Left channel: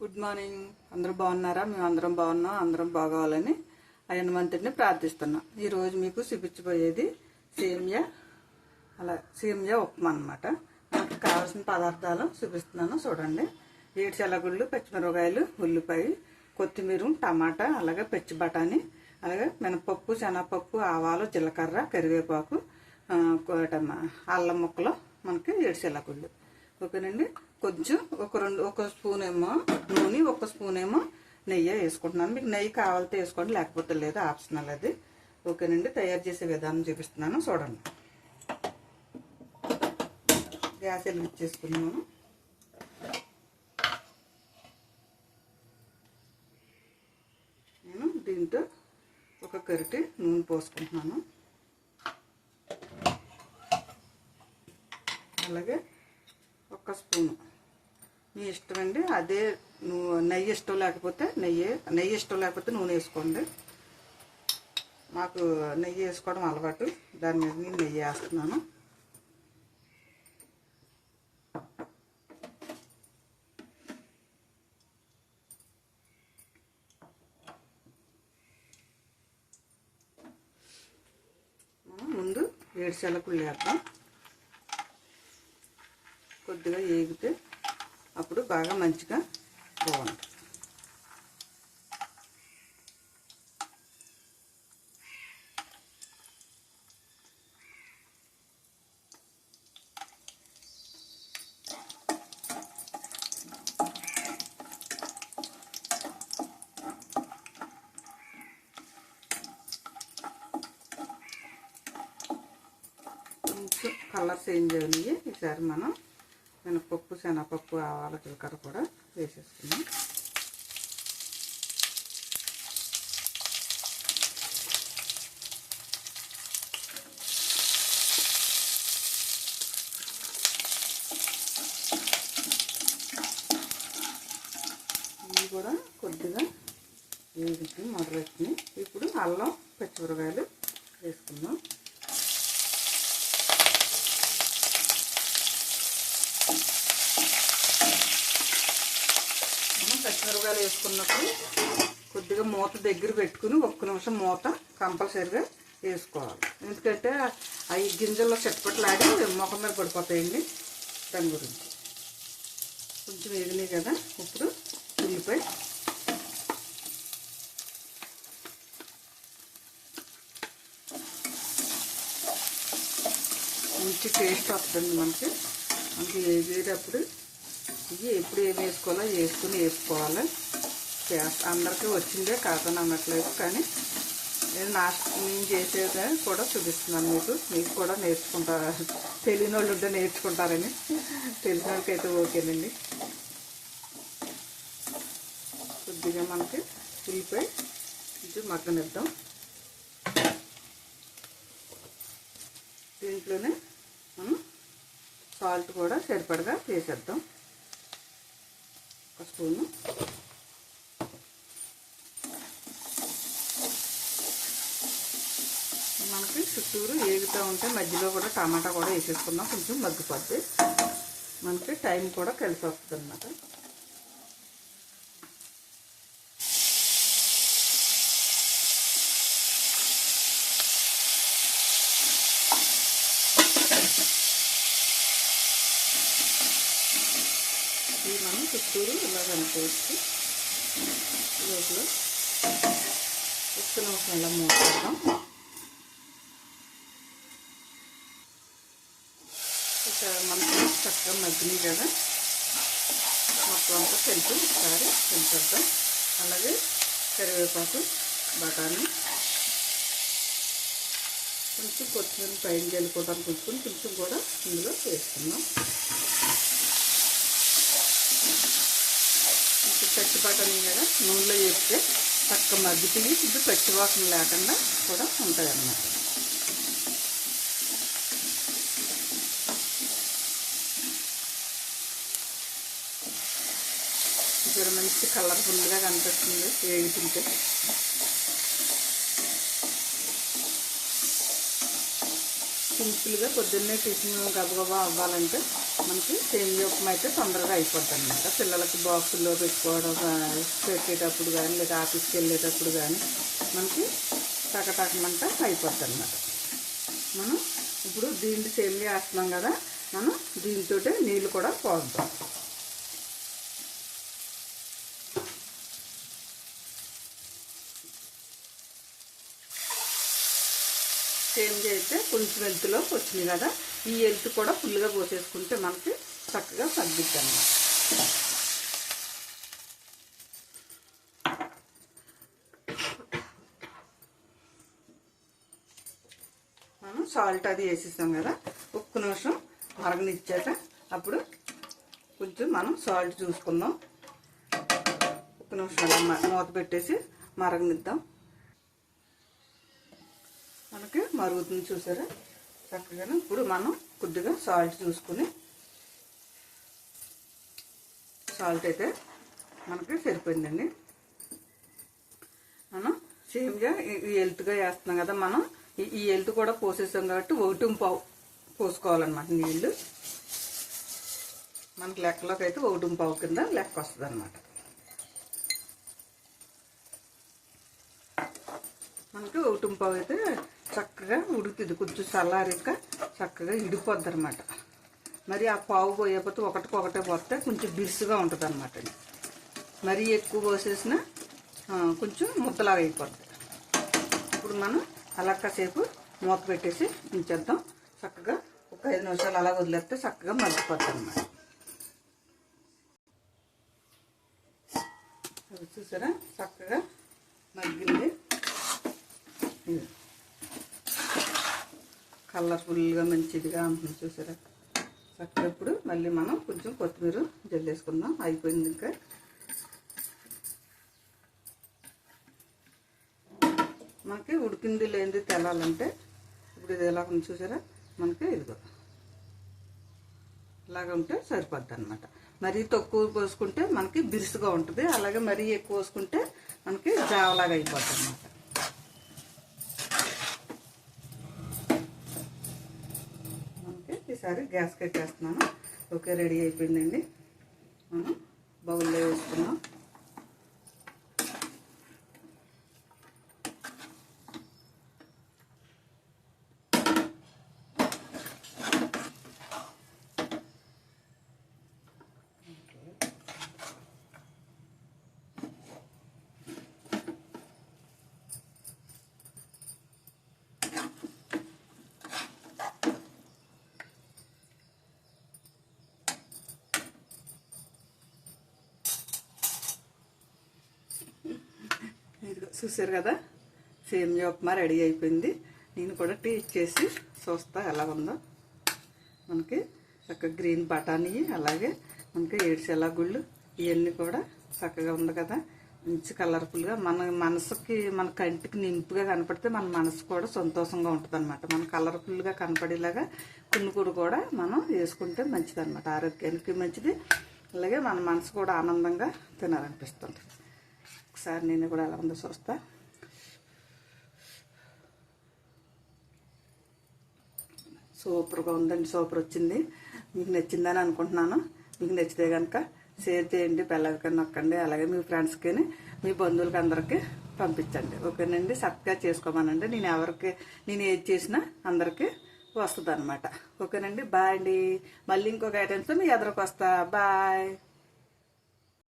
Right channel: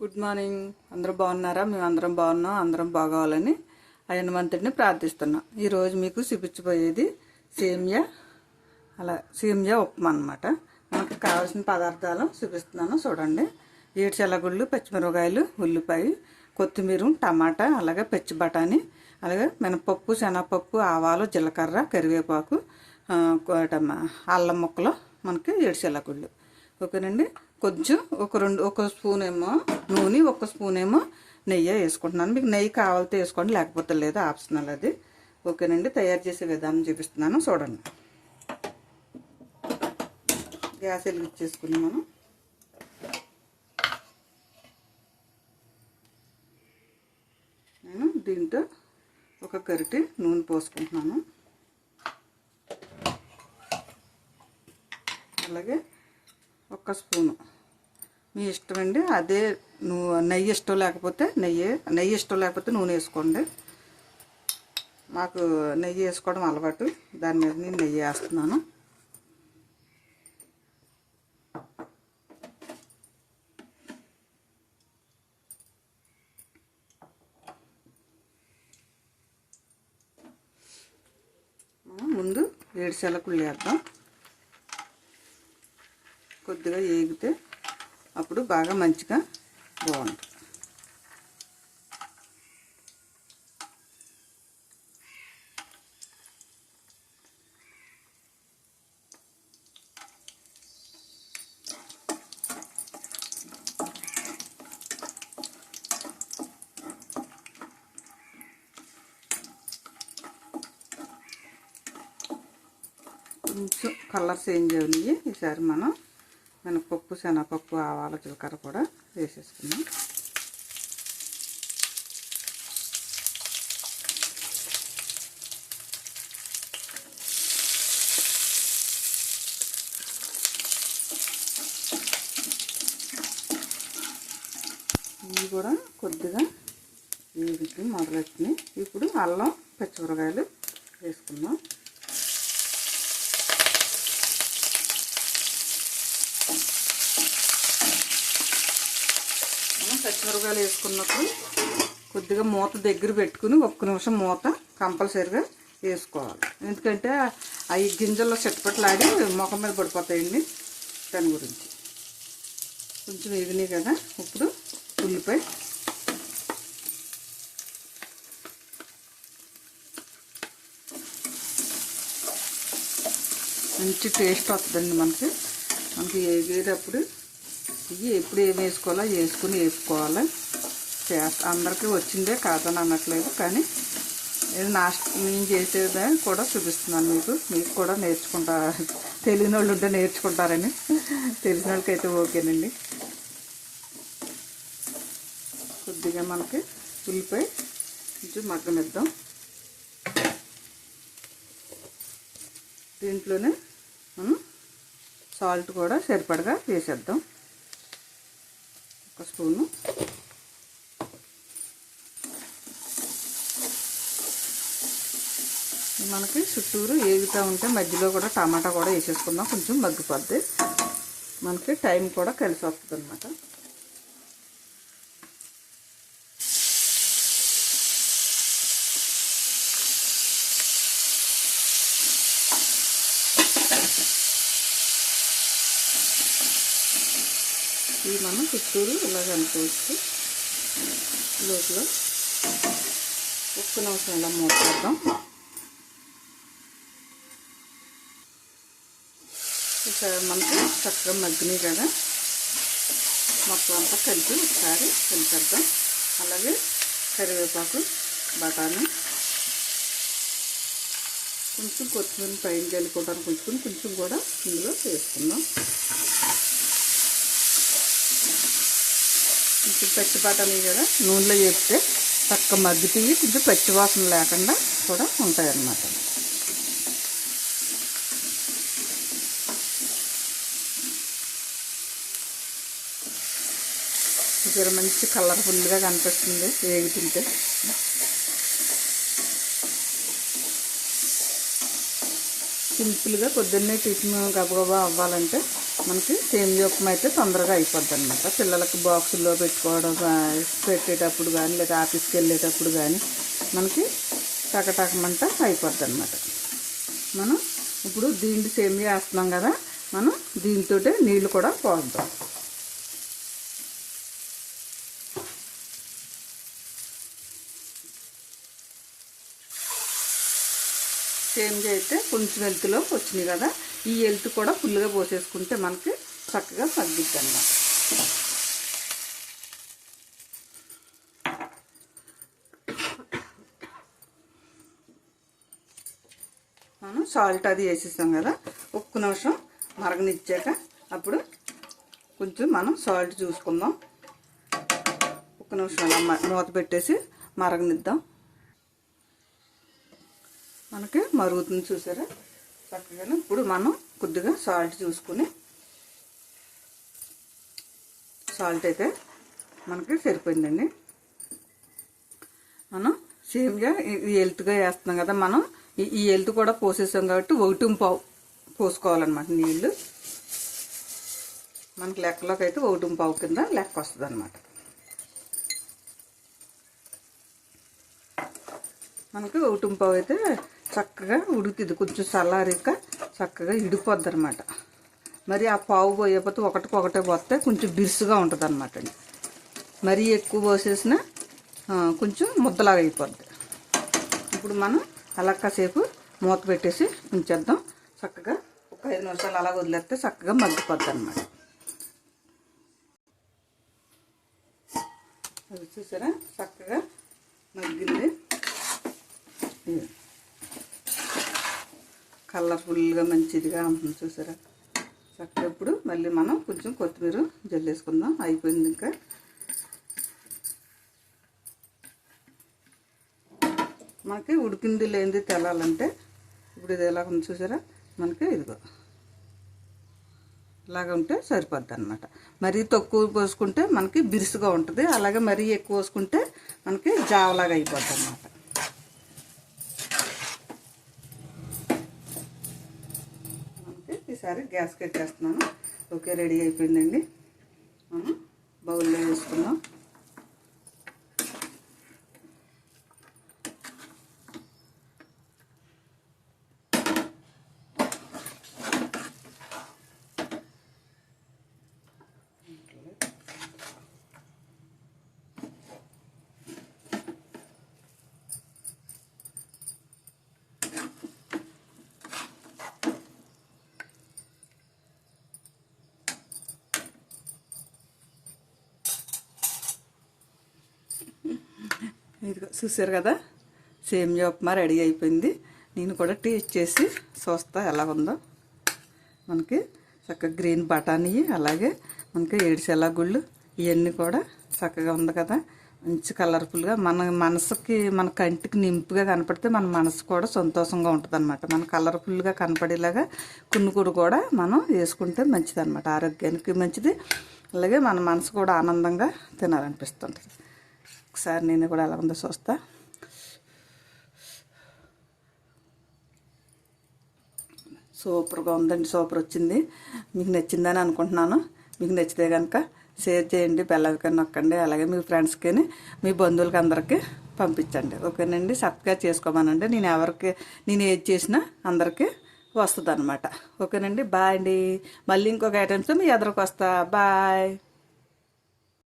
Good morning అందరూ బాగున్నారా? మేము అందరం బాగున్నాం. అందరం బాగోవాలని హనుమంతుడిని ప్రార్థిస్తున్నాం. ఈరోజు మీకు చూపించబోయేది సేమియా అలా సేమియా ఉప్మా అనమాట మనకు కావాల్సిన పదార్థాలు చూపిస్తున్నాను. చూడండి. ఏడుచెలగుళ్ళు పచ్చిమిరపకాయలు ఉల్లిపాయ కొత్తిమీర టమాటా అలాగే పచ్చి బఠానీ అలాగే మినపప్పు శనగపప్పు ఆవాలు జీలకర్ర కరివేపాకు అల్లం ముక్కలు మనకి ఏడుచెలగుళ్ళు. ఓకేనండి? కొంచెం ఒక రెండు ఒక స్పూన్ ఏమో నూనె ఒక స్పూన్ ఏమో నెయ్యి వేసుకుంటున్నాను. మీకు నెయ్యి కావాలితే వేసుకోండి లేకపోతే లేదు ఆప్షనల్ అది. ఓకేనండి తయారు చేసే విధానం చూపిస్తున్నాను చూడండి. గ్యాస్ వెలిగించేసుకున్నాము నేను దీంతో ఒక కరిటి నూనె పోసుకుంటున్నాను. అలాగే ఒక్క స్పూను. మీ ఇష్టం అండి అదే నువ్వు నెయ్యి ఇష్టం లేకపోతే నెయ్యి నెయ్యి ఇష్టం లేకపోతే నూనె వేసుకోండి. మాకు నెయ్యి వేసుకోవడం అలవాటు దాని మీద నేను నెయ్యి వేస్తున్నాను. ముందు ఏడు సెలకులు వేద్దాం. కొద్దిగా ఏగితే అప్పుడు బాగా మంచిగా బాగుంటుంది. కొంచెం కలర్ చేంజ్ అయ్యి ఈసారి మనం శనగపప్పు ఆవాల జీలకర్ర కూడా వేసేసుకున్నాం ఇవి కూడా కొద్దిగా వేగుతుంది మొదలెట్టినాయి ఇప్పుడు అల్లం పచ్చిమిరకాయలు వేసుకున్నాం కూరగాయలు వేసుకున్నప్పుడు కొద్దిగా మూత దగ్గర పెట్టుకుని ఒక్క నిమిషం మూత కంపల్సరీగా వేసుకోవాలి. ఎందుకంటే అవి గింజల్లో చెట్టుపట్లాడి ముఖం మీద పడిపోతాయండి దాని గురించి. కొంచెం వేగినాయి కదా ఇప్పుడు ఉల్లిపాయ. మంచి టేస్ట్ వస్తుంది మనకి. మనకి వేసేటప్పుడు ఇవి ఎప్పుడు ఏం వేసుకోవాలో వేసుకుని వేసుకోవాలి. అందరికీ వచ్చిందే కాదని అనట్లేదు కానీ నేను నా నేను చేసేదే కూడా చూపిస్తున్నాను మీకు. మీకు కూడా నేర్చుకుంటారా తెలియని వాళ్ళు ఉంటే నేర్చుకుంటారని. తెలిసిన వాళ్ళకైతే ఓకేనండి. కొద్దిగా మనకి ఉల్లిపాయ కొంచెం మగ్గనిద్దాం. దీంట్లోనే మనం సాల్ట్ కూడా సరిపడగా వేసేద్దాం. ఒక స్పూను. మనకి చుట్టూరు ఏగుతూ ఉంటే మధ్యలో కూడా టమాటా కూడా వేసేసుకుందాం. కొంచెం మగ్గిపోద్ది మనకి టైం కూడా కలిసి వస్తుంది అన్నమాట ఇది మనం చుట్టూరు ఇలా కనుకోవచ్చు లోపల ఉప్పు నిమిషం ఇలా మూసేద్దాం ఇక్కడ మనకు చక్కగా మగ్గినాయి కదా. మొత్తం అంతా కలిపి ఒకసారి కలిపేద్దాం. అలాగే కరివేపాకు బఠానీ కొంచెం కొత్తిమీర పైన చల్లుకోవడానికి కొంచెం కొంచెం కూడా ఇందులో వేసుకుందాం. ఇప్పుడు పచ్చిపాటలు కదా? నూనెలో వేస్తే చక్క మగ్గిపోయి ఇది పచ్చివాసన లేకుండా కూడా ఉంటాయన్నమాట. ఇక్కడ మంచి కలర్ఫుల్గా కనిపిస్తుంది వేగుతుంటే సింపుల్గా పొద్దున్నే టిఫిన్ గబగబా అవ్వాలంటే మనకి సేమియా ఉప్మా అయితే తొందరగా అయిపోద్ది అనమాట పిల్లలకు బాక్సుల్లో పెట్టుకోవడం పెట్టేటప్పుడు కానీ లేదా ఆఫీస్కి వెళ్ళేటప్పుడు కానీ మనకి టకటకమంట అయిపోద్ది అనమాట మనం ఇప్పుడు దీన్ని సేమియా వేస్తున్నాం కదా మనం దీంతో నీళ్ళు కూడా పోద్దాం. సేమ్గా అయితే కొంచెం ఎల్తులో వచ్చినాయి కదా ఈ ఎలుతు కూడా ఫుల్గా పోసేసుకుంటే మనకి చక్కగా తగ్గిద్ది మనం సాల్ట్ అది వేసేస్తాం కదా ఒక్క నిమిషం మరగనిచ్చాక అప్పుడు కొంచెం మనం సాల్ట్ చూసుకుందాం. ఒక్క నిమిషం మూత పెట్టేసి మరగనిద్దాం. మనకి మరుగుతుంది చూసారా? చక్కగా ఇప్పుడు మనం కొద్దిగా సాల్ట్ చూసుకుని సాల్ట్ అయితే మనకి సరిపోయిందండి. మనం సేమ్గా ఈ వేస్తున్నాం కదా మనం ఈ- ఈ కూడా పోసేసాం కాబట్టి ఒకటి పావు పోసుకోవాలన్నమాట నీళ్ళు మనకి లెక్కలోకి అయితే ఒకటి పావు కింద లెక్క వస్తుంది అనమాట మనకి ఒకటి పావు అయితే చక్కగా ఉడుకుతుంది. కొంచెం చల్లారిక చక్కగా ఇడిపోద్ది అనమాట మరి ఆ పావు పోయకపోతే ఒకటికొకటే పోతే కొంచెం బిరుసుగా ఉంటుంది అనమాట మరీ ఎక్కువ పోసేసిన కొంచెం ముద్దలాగా అయిపోద్ది. ఇప్పుడు మనం అలా కాసేపు మూత పెట్టేసి ఉంచేద్దాం. చక్కగా ఒక ఐదు నిమిషాలు అలా వదిలేస్తే చక్కగా మగ్గిపోద్ది అనమాట చూసారా? చక్కగా మగ్గింది. కలర్ఫుల్గా మంచిదిగా ఉంటుంది చూసారా? చక్కగా ఇప్పుడు మళ్ళీ మనం కొంచెం కొత్తిమీర జల్లేసుకుందాం. అయిపోయింది ఇంకా. మనకి ఉడికింది లేనిది తెలాలంటే ఇప్పుడు ఇది ఎలా ఉంది చూసారా? మనకి ఇదిగో. ఇలాగ ఉంటే సరిపోద్ది అనమాట మరీ తక్కువ పోసుకుంటే మనకి బిరుసుగా ఉంటుంది. అలాగే మరీ ఎక్కువ పోసుకుంటే మనకి జావలాగా అయిపోద్ది అనమాట ఒకసారి ఈసారి గ్యాస్ కట్టేస్తున్నాను ఓకే రెడీ అయిపోయిందండి. మనం బౌల్లో వేసుకున్నాం ఇదిగో చూసారు కదా? సేమియా ఉప్మా రెడీ అయిపోయింది. నేను కూడా టేస్ట్ చేసి చూస్తా ఎలా ఉందో. మనకి చక్కగా గ్రీన్ బఠానీ అలాగే మనకి ఏడిచెలా గుళ్ళు ఇవన్నీ కూడా చక్కగా ఉంది కదా. మంచి కలర్ఫుల్గా మన మనసుకి మన కంటికి నింపుగా కనపడితే మన మనసు కూడా సంతోషంగా ఉంటుంది అనమాట మన కలర్ఫుల్గా కనపడేలాగా కున్నుకుడు కూడా మనం వేసుకుంటే మంచిది అనమాట ఆరోగ్యానికి మంచిది. అలాగే మన మనసు కూడా ఆనందంగా తినాలనిపిస్తుంది ఒకసారి నేను కూడా ఎలా ఉందో చూస్తా. సూపర్గా ఉందండి సూపర్ వచ్చింది. మీకు నచ్చిందని అనుకుంటున్నాను. మీకు నచ్చితే కనుక షేర్ చేయండి బెల్లైకన్ నొక్కండి అలాగే మీ ఫ్రెండ్స్కి మీ బంధువులకి అందరికీ పంపించండి. ఓకేనండి? సబ్స్క్రైబ్ చేసుకోమనండి. నేను ఎవరికి నేను ఏది చేసినా అందరికీ వస్తుంది అనమాట ఓకేనండి? బాయ్ అండి. మళ్ళీ ఇంకొక ఐటమ్స్తో మీ ఎదురుకు వస్తా బాయ్.